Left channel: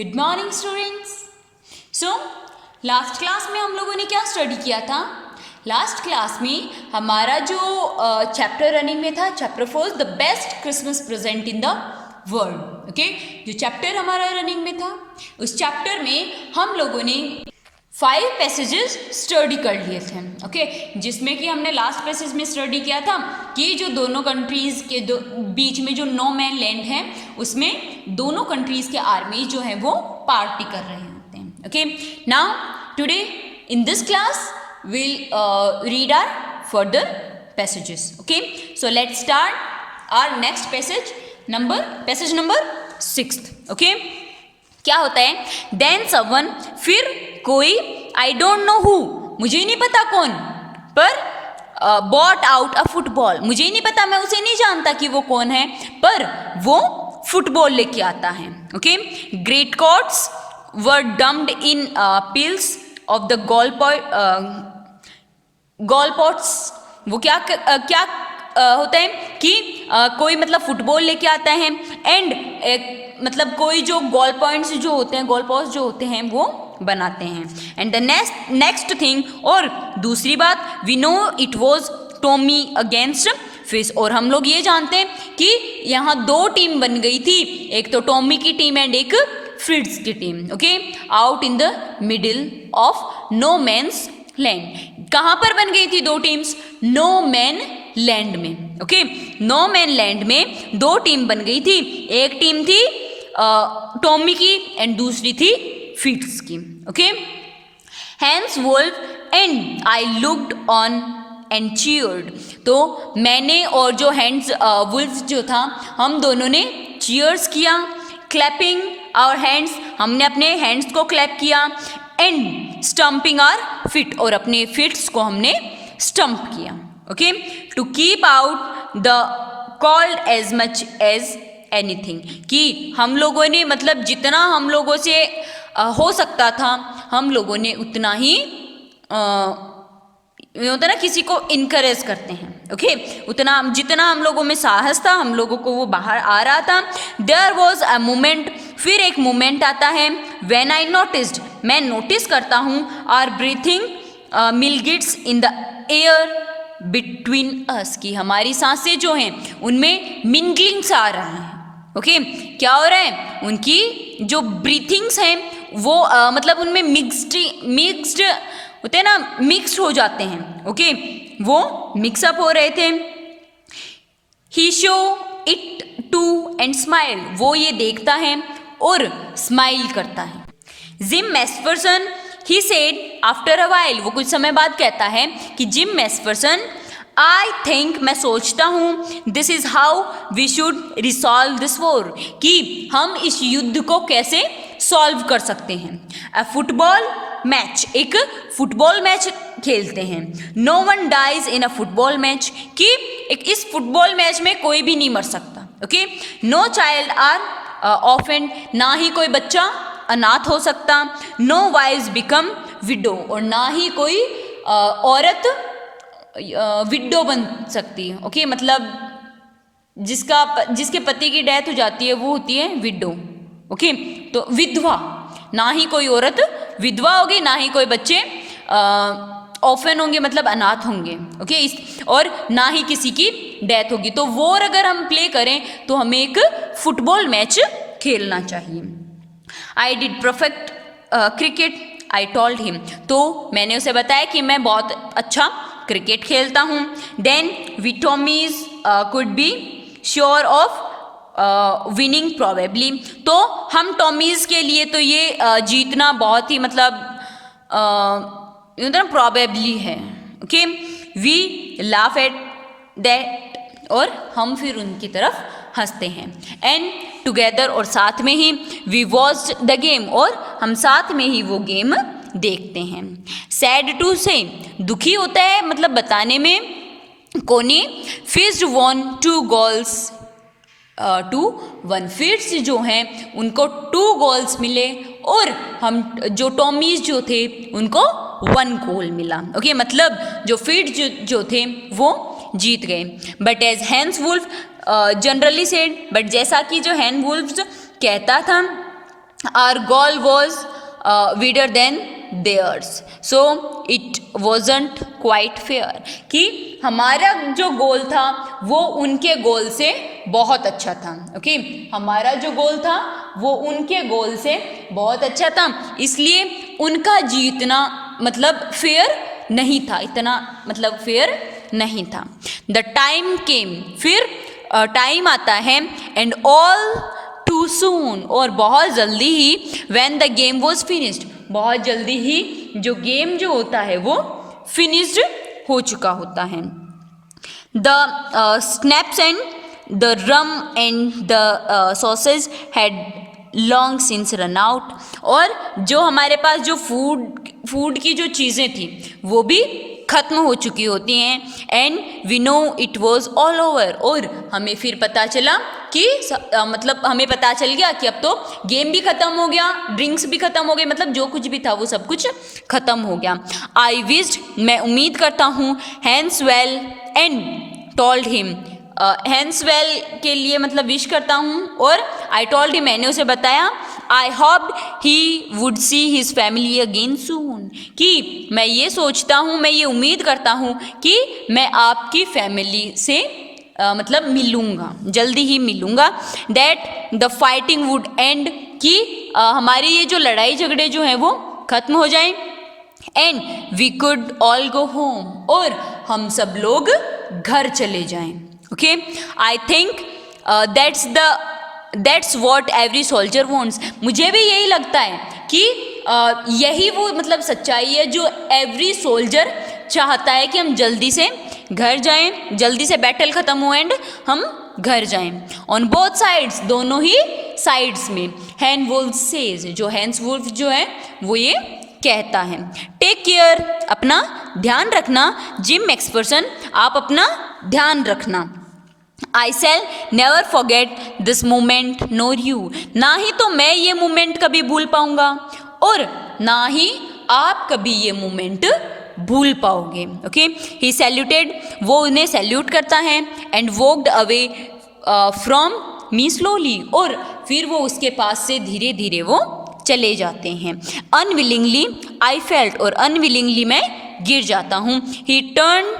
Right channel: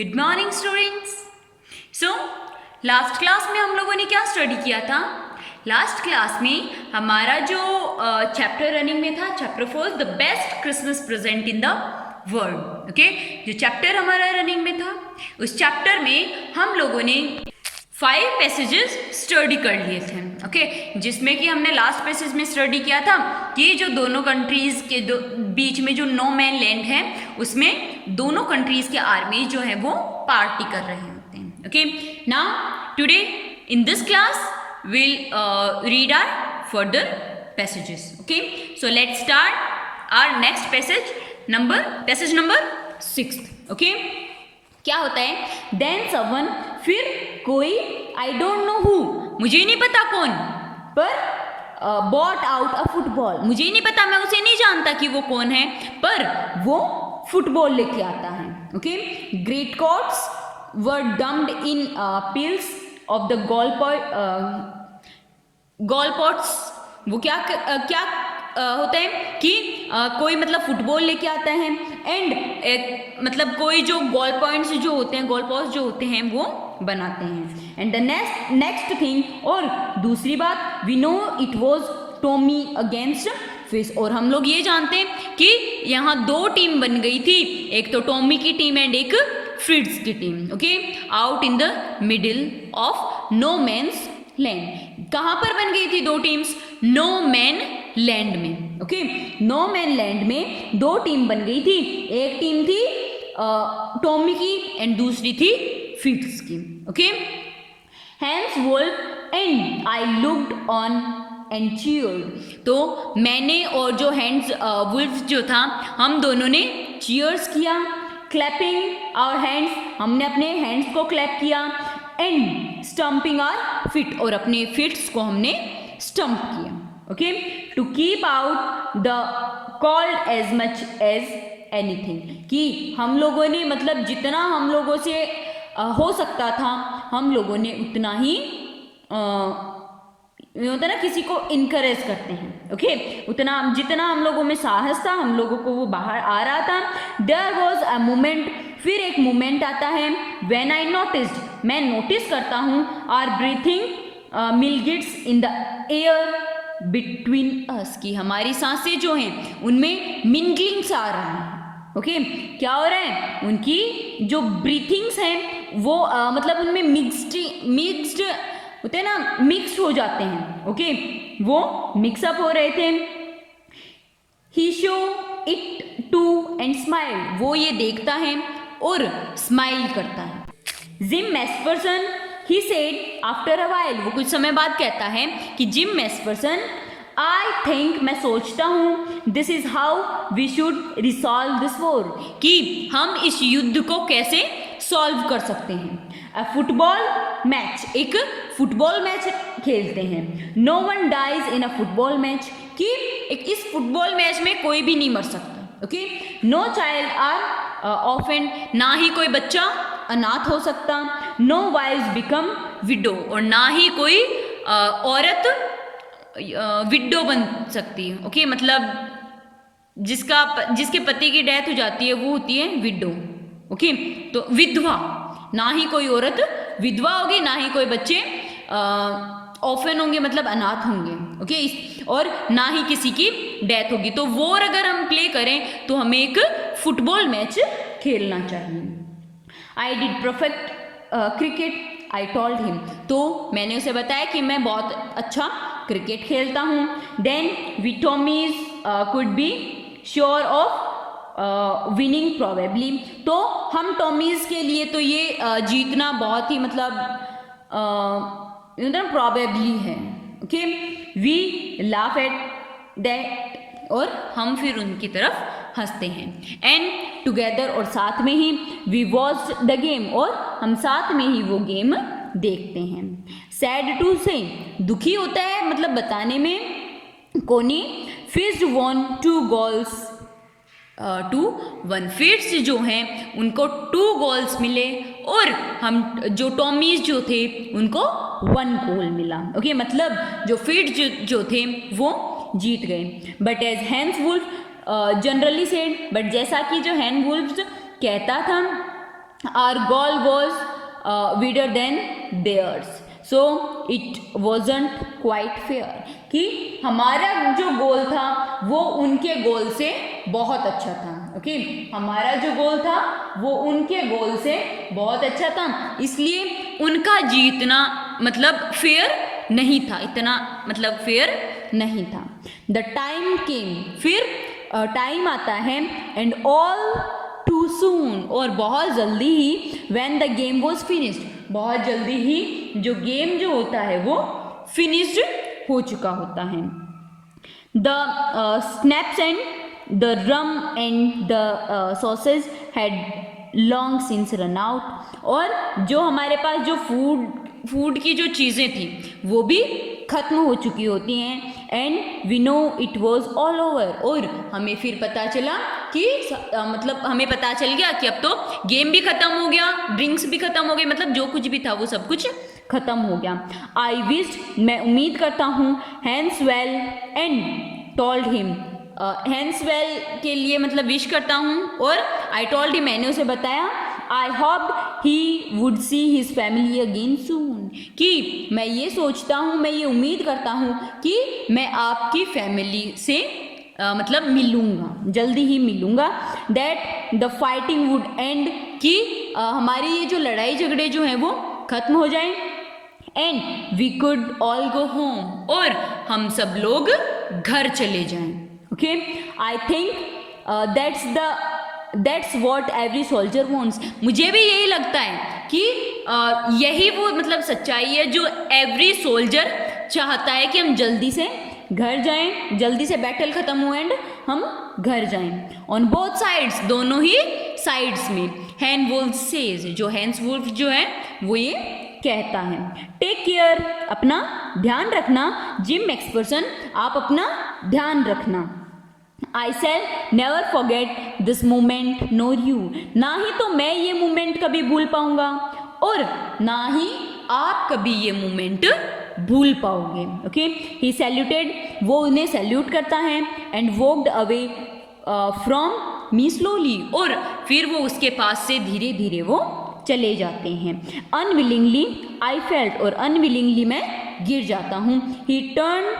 Good morning students. So last class में हम लोगों ने क्या स्टडी किया था? लास्ट क्लास में हमारा जो चैप्टर रनिंग में था, chapter 4 the best Christmas present in the world. Okay, जो चैप्टर हमारा रनिंग में था उस चैप्टर में हम लोगों ने 5 पैसेजेस स्टडी कर लिए थे। ओके, जिसमें कि हमने लास्ट पैसेज में स्टडी किया था कि जो दोनों कंट्रीज़ के बीच में जो नो मैन लैंड है उसमें दोनों कंट्रीज़ के आर्मी जो है वो पार्टी कर रहे होते हैं। Okay, now today in this class we'll read our further passages. Okay, so let's start our next passage number 6. Okay, क्या होता है? Then someone, फिर कोई, I don't know who, मुझे नहीं पता कौन, पर bought out a football, मुझे नहीं पता, मैं उसे नहीं जानता कि वो कौन है, पर वो फुटबॉल लेके आता है। Okay, great coats were dumped in piles of the goal pots. वो क्या होता है कि कोई मतलब फुटबॉल लेके आता है एंड मतलब कोई जो गोल पॉइंट्स जो होते हैं, गोल पॉट्स जो होते हैं वो बनाते हैं। एंड द नेक्स्ट थिंग, और दूसरी बात, we know it was Tommy against fish, और हम लोग ये जानते हैं कि यहाँ 2 टीम बन गई थी, एक तो टॉमी की टीम एंड एक फ्रिट्ज की team. Okay, out in the middle of no man's land. कहाँ पर बन गई थी 2 टीम्स? नो मैन लैंड में। ओके, नो मैन लैंड में 2 टीम बन गई थी, एक टीम थी टॉमी की एंड दूसरी थी फिट्स की। Okay, Hans Wolf and I looked on and cheered, तो मैंने और जो हैंड्स वुल्फ जो था, हम दोनों ने चीयर्स किया, क्लैपिंग आवर हैंड्स, हमने अपने हैंड्स को क्लैप किया, एंड स्टम्पिंग आवर फिट, और अपने फिट्स को हमने स्टम्प किया। Okay, to keep out the cold as much as anything, कि हम लोगों ने मतलब जितना हम लोगों से हो सकता था हम लोगों ने उतना ही होता ना, किसी को इनकरेज करते हैं। ओके, उतना जितना हम लोगों में साहस था, हम लोगों को वो बाहर आ रहा था। देयर वॉज अ मोमेंट, फिर एक मोमेंट आता है, व्हेन आई नोटिस्ड, मैं नोटिस करता हूँ, आर ब्रीथिंग मिलगिट्स in the air between us, की हमारी सांसें जो हैं उनमें मिंगलिंग्स आ रहा है। ओके, क्या हो रहा है? उनकी जो ब्रीथिंग्स हैं वो मतलब उनमें मिक्स्ड होते हैं ना, मिक्स हो जाते हैं। ओके, वो मिक्सअप हो रहे थे। He show it to and smile, वो ये देखता है और स्माइल करता है। Jim Macpherson, he said after a while, वो कुछ समय बाद कहता है कि जिम मैसफरसन, आई थिंक, मैं सोचता हूँ, this is how we should resolve this war, कि हम इस युद्ध को कैसे सॉल्व कर सकते हैं। अ फुटबॉल मैच, एक फुटबॉल मैच खेलते हैं। No one dies in a football match, कि एक इस फुटबॉल मैच में कोई भी नहीं मर सकता। Okay, no child are offend, ना ही कोई बच्चा अनाथ हो सकता। नो वाइव्स बिकम विडो, और ना ही कोई औरत विडो बन सकती है। ओके, मतलब जिसके पति की डेथ हो जाती है वो होती है विडो। ओके, तो विधवा, ना ही कोई औरत विधवा होगी, ना ही कोई बच्चे ऑफन होंगे, मतलब अनाथ होंगे। ओके, और ना ही किसी की डेथ होगी। तो वॉर अगर हम प्ले करें तो हमें एक फुटबॉल मैच खेलना चाहिए। I did perfect cricket, I told him, तो मैंने उसे बताया कि मैं बहुत अच्छा क्रिकेट खेलता हूँ। Then we Tommies could be sure of winning probably, तो हम टॉमीज के लिए तो ये जीतना बहुत ही मतलब प्रोबेबली है। Okay, we laugh at that, और हम फिर उनकी तरफ हंसते हैं। एंड टुगेदर, और साथ में ही, वी वॉच द गेम, और हम साथ में ही वो गेम देखते हैं। सैड टू से, दुखी होता है मतलब बताने में, कोनी Fritz won 2 goals to 1, Fritz जो हैं उनको 2 गोल्स मिले, और हम जो टॉमीज जो थे उनको 1 गोल मिला। ओके, मतलब जो फिट्स जो थे वो जीत गए। But as Hans Wolf generally said, but जैसा कि जो हैंस वुल्फ कहता था our goal was wider than theirs, so it wasn't quite fair, कि हमारा जो गोल था वो उनके गोल से बहुत अच्छा था. ओके, हमारा जो गोल था वो उनके गोल से बहुत अच्छा था, इसलिए उनका जीतना मतलब फेयर नहीं था, इतना मतलब फेयर नहीं था. द टाइम केम, फिर टाइम आता है, एंड ऑल टू सून, और बहुत जल्दी ही, when the game was finished, बहुत जल्दी ही जो गेम जो होता है वो फिनिश्ड हो चुका होता है. The snaps and the rum and the sausage had long since run out, और जो हमारे पास जो फूड की जो चीज़ें थी वो भी ख़त्म हो चुकी होती हैं. And we know it was all over, और हमें फिर पता चला कि मतलब हमें पता चल गया कि अब तो गेम भी ख़त्म हो गया, ड्रिंक्स भी ख़त्म हो गए, मतलब जो कुछ भी था वो सब कुछ ख़त्म हो गया. आई विश्ड, मैं उम्मीद करता हूँ, Hans well and told him, Hans well के लिए मतलब विश करता हूँ, और आई टोल्ड हिम, मैंने उसे बताया, I hoped he would see his family again soon, कि मैं ये सोचता हूँ, मैं ये उम्मीद करता हूँ कि मैं आपकी फैमिली से मतलब मिलूँगा, जल्दी ही मिलूँगा. That the fighting would and, कि हमारी ये जो लड़ाई झगड़े जो हैं वो ख़त्म हो जाएं. And we could all go home, और हम सब लोग घर चले जाएं. Okay, I think that's what every soldier wants, मुझे भी यही लगता है कि यही वो मतलब सच्चाई है जो एवरी सोल्जर चाहता है, कि हम जल्दी से घर जाएं, जल्दी से बैटल ख़त्म हो एंड हम घर जाएं. ऑन बोथ साइड्स, दोनों ही साइड्स में. हैन वुल्फ सेज, जो हैंस वुल्फ जो है वो ये कहता है. टेक केयर, अपना ध्यान रखना. जिम मैक्सफर्सन, आप अपना ध्यान रखना. I shall never forget this moment nor you, ना ही तो मैं ये मोमेंट कभी भूल पाऊंगा, और ना ही आप कभी ये मोमेंट भूल पाओगे. ओके, ही सैल्यूटेड, वो उन्हें सैल्यूट करता है. And walked away from me slowly, और फिर वो उसके पास से धीरे धीरे वो चले जाते हैं. अनविलिंगली आई फेल्ट, और अनविलिंगली मैं गिर जाता हूँ. He turn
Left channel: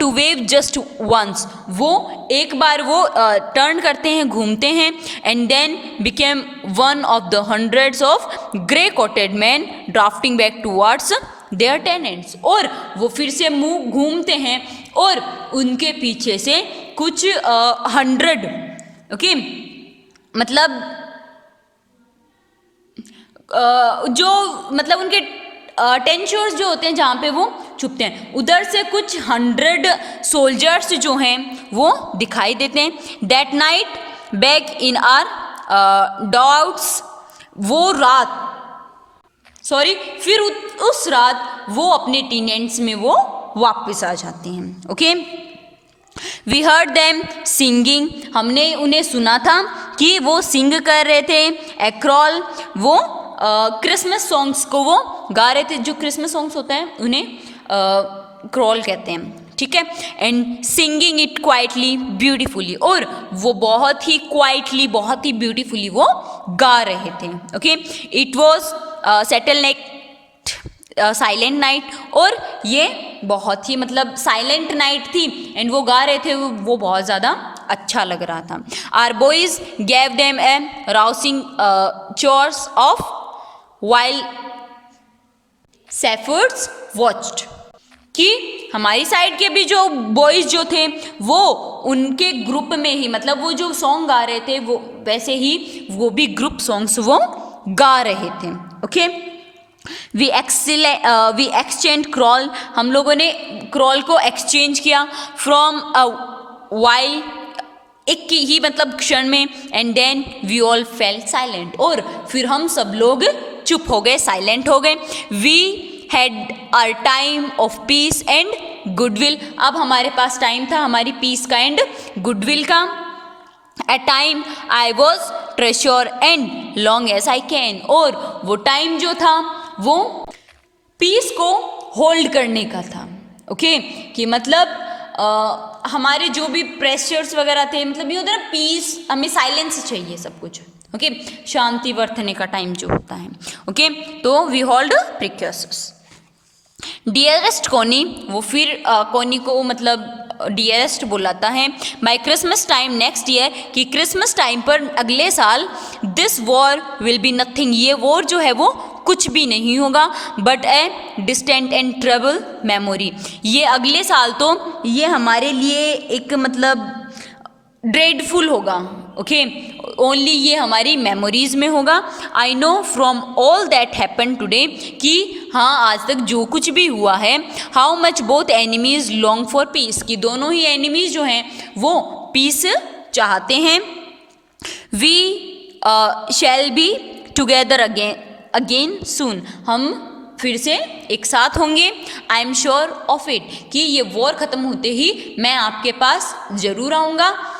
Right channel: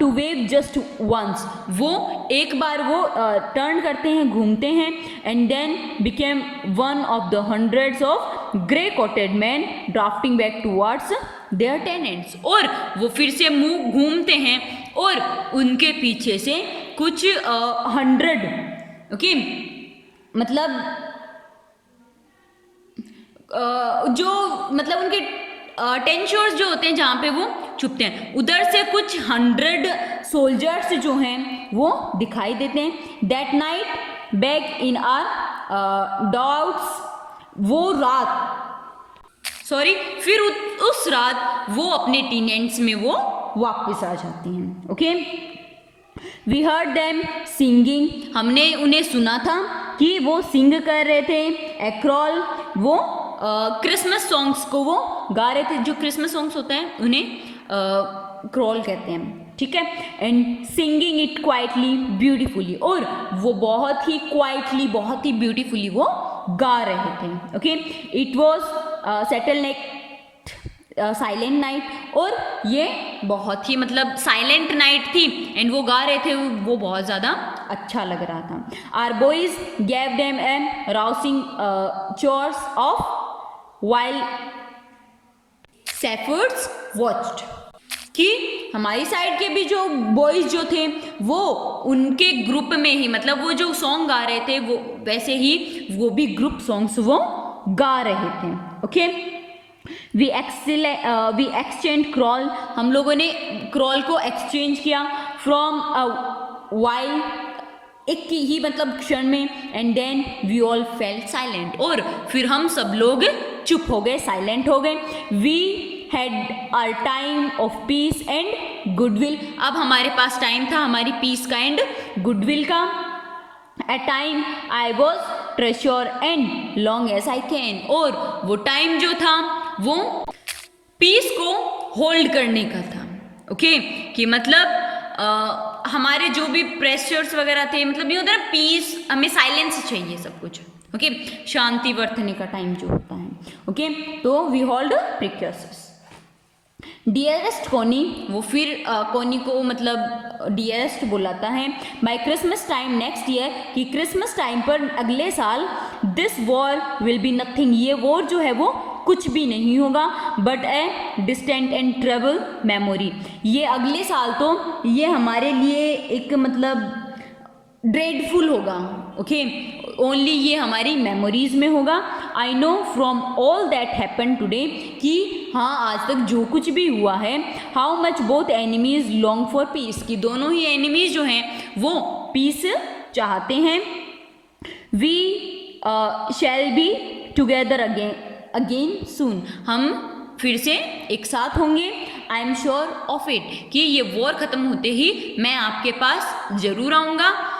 to wave just once, वो एक बार वो टर्न करते हैं, घूमते हैं. And then became one of the hundreds of grey coated man drafting back towards their tenants, और वो फिर से मुंह घूमते हैं, और उनके पीछे से कुछ 100, ओके, मतलब जो मतलब उनके टेन शोर्स जो होते हैं जहाँ पे वो छुपते हैं, उधर से कुछ 100 सोल्जर्स जो हैं वो दिखाई देते हैं. That night back in are doubts, वो रात फिर उस रात वो अपने टेनेंट्स में वो वापस आ जाते हैं. Okay, we heard them singing, हमने उन्हें सुना था कि वो सिंग कर रहे थे. एक्रोल, वो क्रिसमस सॉन्ग्स को वो गा रहे थे, जो क्रिसमस सॉन्ग्स होते हैं उन्हें क्रॉल कहते हैं, ठीक है. And singing it quietly beautifully, और वो बहुत ही क्वाइटली, बहुत ही ब्यूटीफुली वो गा रहे थे. Okay, it was settle night, silent night, और ये बहुत ही मतलब साइलेंट नाइट थी. एंड वो गा रहे थे, वो बहुत ज़्यादा अच्छा लग रहा था. Our boys gave them a rousing cheers of while shepherds watched, कि हमारी साइड के भी जो बॉयज़ जो थे वो उनके ग्रुप में ही, मतलब वो जो सॉन्ग गा रहे थे वो वैसे ही वो भी ग्रुप सॉन्ग्स वो गा रहे थे. ओके, वी एक्सचेंज क्रॉल, हम लोगों ने क्रॉल को एक्सचेंज किया. फ्रॉम वाइल, एक की ही मतलब क्षण में. And then we all felt silent, और फिर हम सब लोग चुप हो गए, साइलेंट हो गए. We had our time of peace and goodwill, अब हमारे पास टाइम था हमारी पीस का एंड गुडविल का. At time I was treasure and long as I can, और वो टाइम जो था वो पीस को होल्ड करने का था. ओके, कि मतलब हमारे जो भी प्रेशर्स वगैरह थे, मतलब ये होता है ना पीस, हमें साइलेंस चाहिए सब कुछ, ओके, शांति बरतने का टाइम जो होता है। ओके, तो वी होल्ड प्रिकॉशंस। डियरेस्ट कोनी, वो फिर कोनी को मतलब डियरेस्ट बुलाता है। By Christmas time next year, कि क्रिसमस टाइम पर अगले साल, this war will be nothing, ये वॉर जो है वो कुछ भी नहीं होगा, but a distant and trouble memory, ये अगले साल तो ये हमारे लिए एक मतलब ड्रेडफुल होगा। ओके, ओनली ये हमारी मेमोरीज में होगा। I know from all that happen today, कि हाँ आज तक जो कुछ भी हुआ है, how much both enemies long for piece, कि दोनों ही एनिमीज जो हैं वो पीस चाहते हैं। We shall be together again soon, हम फिर से एक साथ होंगे। I am sure of it, कि ये वॉर ख़त्म होते ही मैं आपके पास ज़रूर आऊँगा।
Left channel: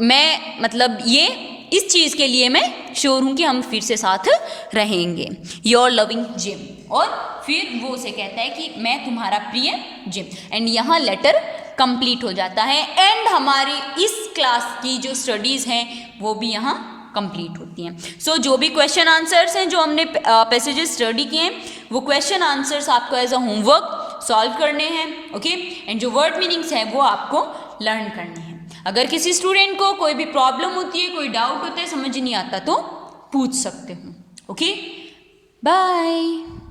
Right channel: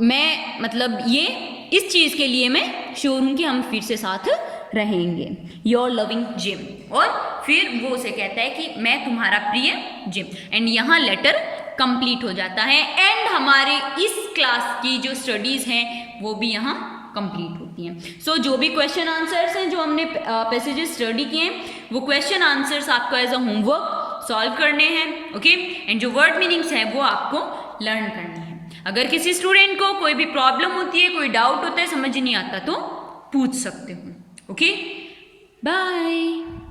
मैं मतलब ये इस चीज़ के लिए मैं श्योर हूँ कि हम फिर से साथ रहेंगे। योर लविंग जिम, और फिर वो उसे कहता है कि मैं तुम्हारा प्रिय जिम, एंड यहाँ लेटर कंप्लीट हो जाता है। एंड हमारी इस क्लास की जो स्टडीज़ हैं वो भी यहाँ कंप्लीट होती हैं। सो जो भी क्वेश्चन आंसर्स हैं जो हमने पैसेजेस स्टडी किए हैं, वो क्वेश्चन आंसर्स आपको एज अ होमवर्क सॉल्व करने हैं। ओके, एंड जो वर्ड मीनिंग्स हैं वो आपको लर्न करने हैं। अगर किसी स्टूडेंट को कोई भी प्रॉब्लम होती है, कोई डाउट होता है, समझ नहीं आता, तो पूछ सकते हो। Okay, bye.